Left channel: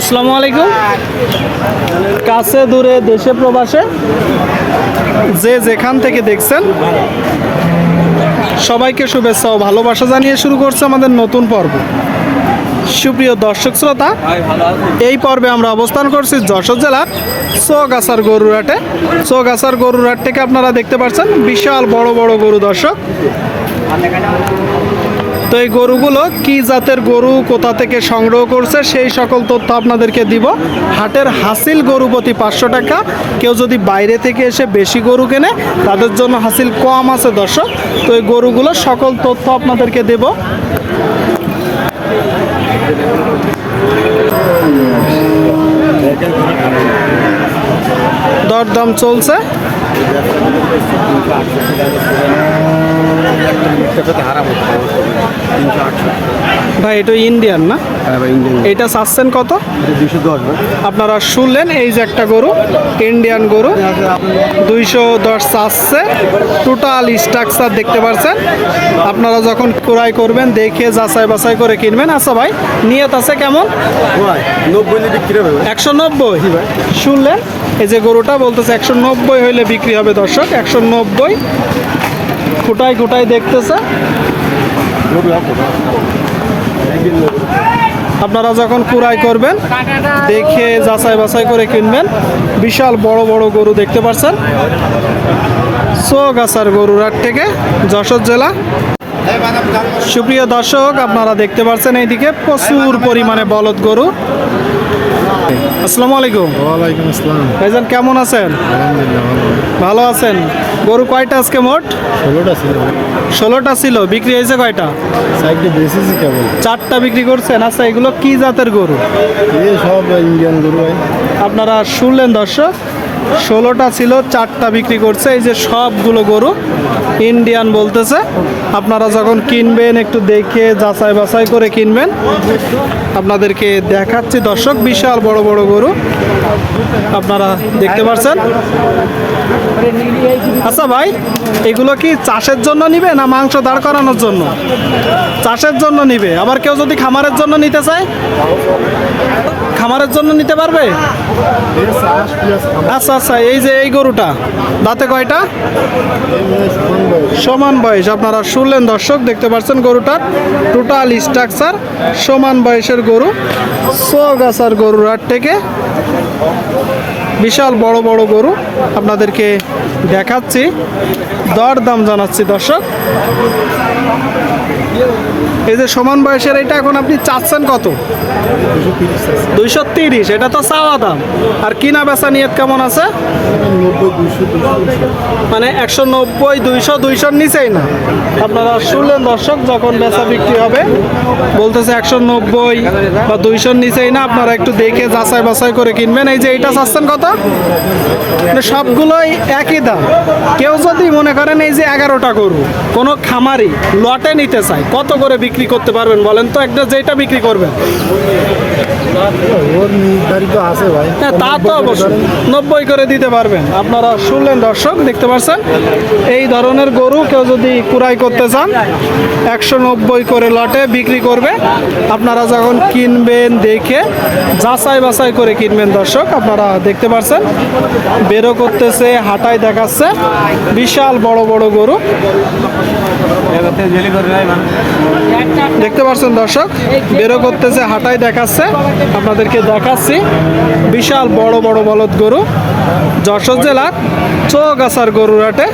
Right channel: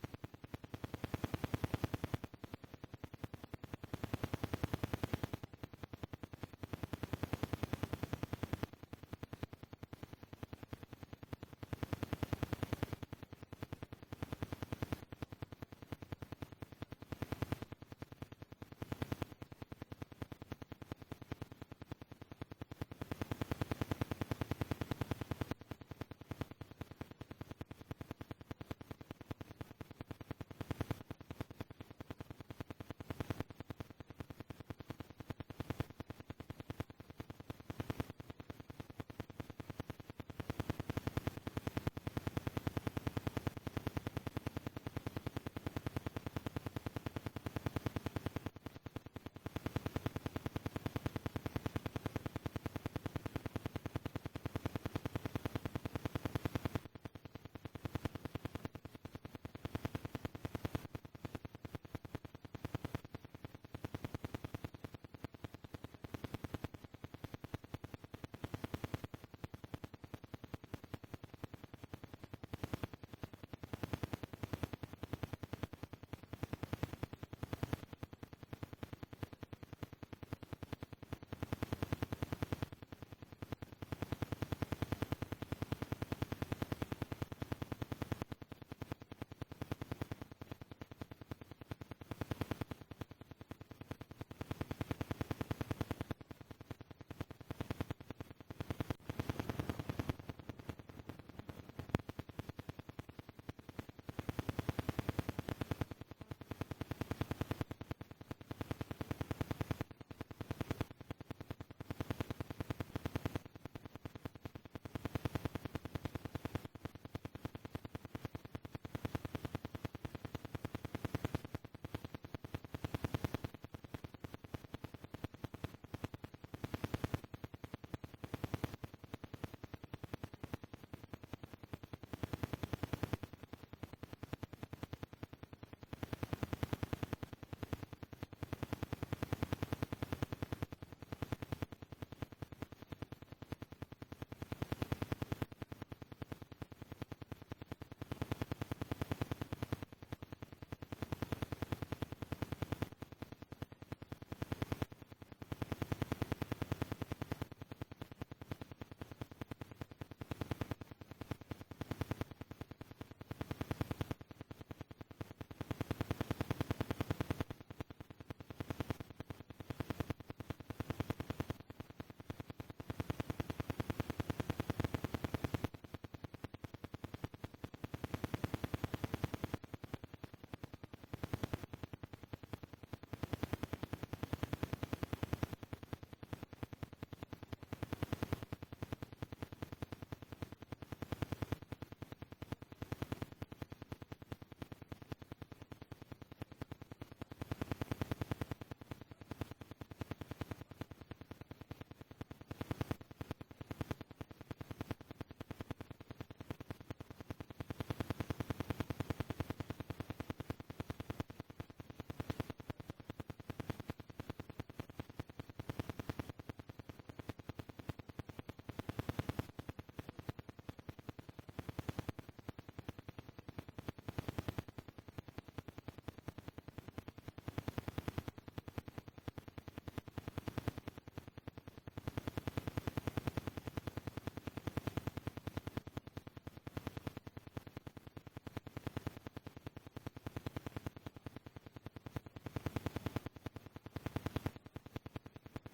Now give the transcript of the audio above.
আসসালামু আলাইকুম। কাছে, দূরে, দেশে, প্রবাসে? যে যেখান থেকে দেখছেন, সবাইকে শুভেচ্ছা ও ভালোবাসা জানিয়ে শুরু করছে আমাদের নতুন পর্ব। সুপ্রিয় দর্শক শ্রোতা, এই পর্বে আমরা অবস্থান করছি যশোর জেলার চৌগাছার গরুরাটে চৌগাছার গরুরাট থেকে আপনারা দেখতে পাচ্ছেন বিশাল বড় বড় গরু দর্শক। তো এই গরুগুলো কি জাতের গরু, কোথা থেকে সংগ্রহ করছে, সেই সকল তথ্য আপনাদেরকে দিব। হাটের হাসিল গরু প্রতি পাঁচশো টাকা। কেউ যদি বাইরে থেকে এসে বেশি গরু কেনে, তাদের জন্য হাসিল কম আছে দর্শক। তো এই গরুগুলো সকল তথ্য আপনাদেরকে দেব। দরদাম চলছে। ভাই এটা ইন্ডিয়ান না? এটা চাচ্ছেন কত? আপনারা শুনলেন এই যে একটা গরু ইন্ডিয়ান গরু দুইশো দশ চাচ্ছে। টোটাল স্ট্রাকচার দেখতে পাচ্ছেন আপনারা যখন ক্রয় করবেন দেখে যাচাই বাছাই করে কিনবেন। আচ্ছা ভাই নিয়ত আছে কেমন? একশো নব্বই? শুনলেন? এই যে গরুটা বলতেছে একশো নব্বই হইলে বিক্রি হবে দর্শক একশো নব্বই। খুঁটাই খুঁটাই দেখতেছে। আপনারা যখন কুড়াই করবেন দেখে যাচাই বাছাই করে কিনবেন। বিশাল বড় বড় গরু দেখতে পাচ্ছেন। চৌগাছার গরুরাট থেকে যশোর জেলা। সুপ্রিয় দর্শক আপনারা দেখতে পাচ্ছেন এইদিকে প্রচুর পরিমাণে বলদ গরু। আসসালামু আলাইকুম। ওয়ালাইকুম আসসালাম। ভাইজান কেমন আছেন? আলহামদুলিল্লাহ ভালো আছেন। গরু কয়টা আজকে মোট? ষোলোটা ছিল। ষোলোটা ছিল বিক্রি হয়েছে কয়টা? চারটা বিক্রি করছেন। আচ্ছা এগুলো কি জাতের গরু? সব ইন্ডিয়ান গরু আপনারা শুনলেন দর্শক? ষোলোটা ছিল, চারটা বিক্রি করছে। এই যে সবগুলো গরু ইন্ডিয়ান বলতেছে। আপনারা যখন কিনবেন, একটু দেখে যাচাই বাছাই করে কিনবেন। আপনাদেরকে দেখাচ্ছি। দর্শক, বিশাল বড় বড় গরু। আপনারা দেখতে পাচ্ছেন আচ্ছা ভাই, এগুলো কি চাষের জন্য নিবে না মাংস দাঁড় করানোর জন্য? চাষের জন্য নিবে। আবার কেউ যদি খামারের জন্য নিতে চায়? খামারের জন্য নিতে পারবে? আচ্ছা আচ্ছা এই যে এই গরুটা, দাঁতে কয়টা? সমান বয়স, আপনারা শুনলেন দর্শক, দেখতে পাচ্ছেন গরুটার টোটাল স্ট্রাকচার সমান বয়সের গরু সোগাছার গরুর থেকে বিশাল বড় বড় গরু আপনাদেরকে দেখাচ্ছি দর দাম জানাচ্ছি দর্শক। এই যে সমান বয়সের এটা এখন আপনি চাচ্ছেন কত? দুইশো তিরিশ, এটা তো চাওয়া দাম। আর কিনা বেচা নিয়ত কেমন আছে? মানে একশো নব্বই, দুইশো, দুইশোর নিচেই না। আপনারা শুনলেন দর্শক, যখন বেচা বিক্রি হবে, বলতেছে একশো নব্বই বা দুইশোর নিচেই না, আপনারা একটু দেখে যাচাই বাছাই করে কিনবেন। এই যে এইটা চাচ্ছেন কত? মানে সবগুলোই একই দাম। কেউ যদি মনে করেন এই যে এগারোটা গরু, কোনো খামারি লটে নিতে চায়, কত করে বিক্রি করতে পারবেন বলেন তো একটা যেটা বিক্রি করবেন। ওর নির্ধারিত ভাই। হ্যাঁ তা তো অবশ্যই। নব্বই করে দিতে পারবেন। আপনারা শুনলেন দর্শক দেখতে পাচ্ছেন এই ধরনের গরু কেউ যদি কুড়াই করতে চান একশো নব্বই করে লটে বিক্রি করবে। আপনারা যখন কিনবেন দেখে যাচাই বাছাই করে কিনবেন দর্শক আপনারা দেখতে পাচ্ছেন বেরো করতেছে হাঁটাই দেখাচ্ছে। বিশাল বড় বড় গরু। দেখতে পাচ্ছেন দর্শক, বেরো করতেছে, হাটাই দেখাচ্ছে, আপনাদেরকে দেখাচ্ছি। বিশাল বড় বড় বলদ গরু, যশোর জেলার চৌগাছার গরুরাটে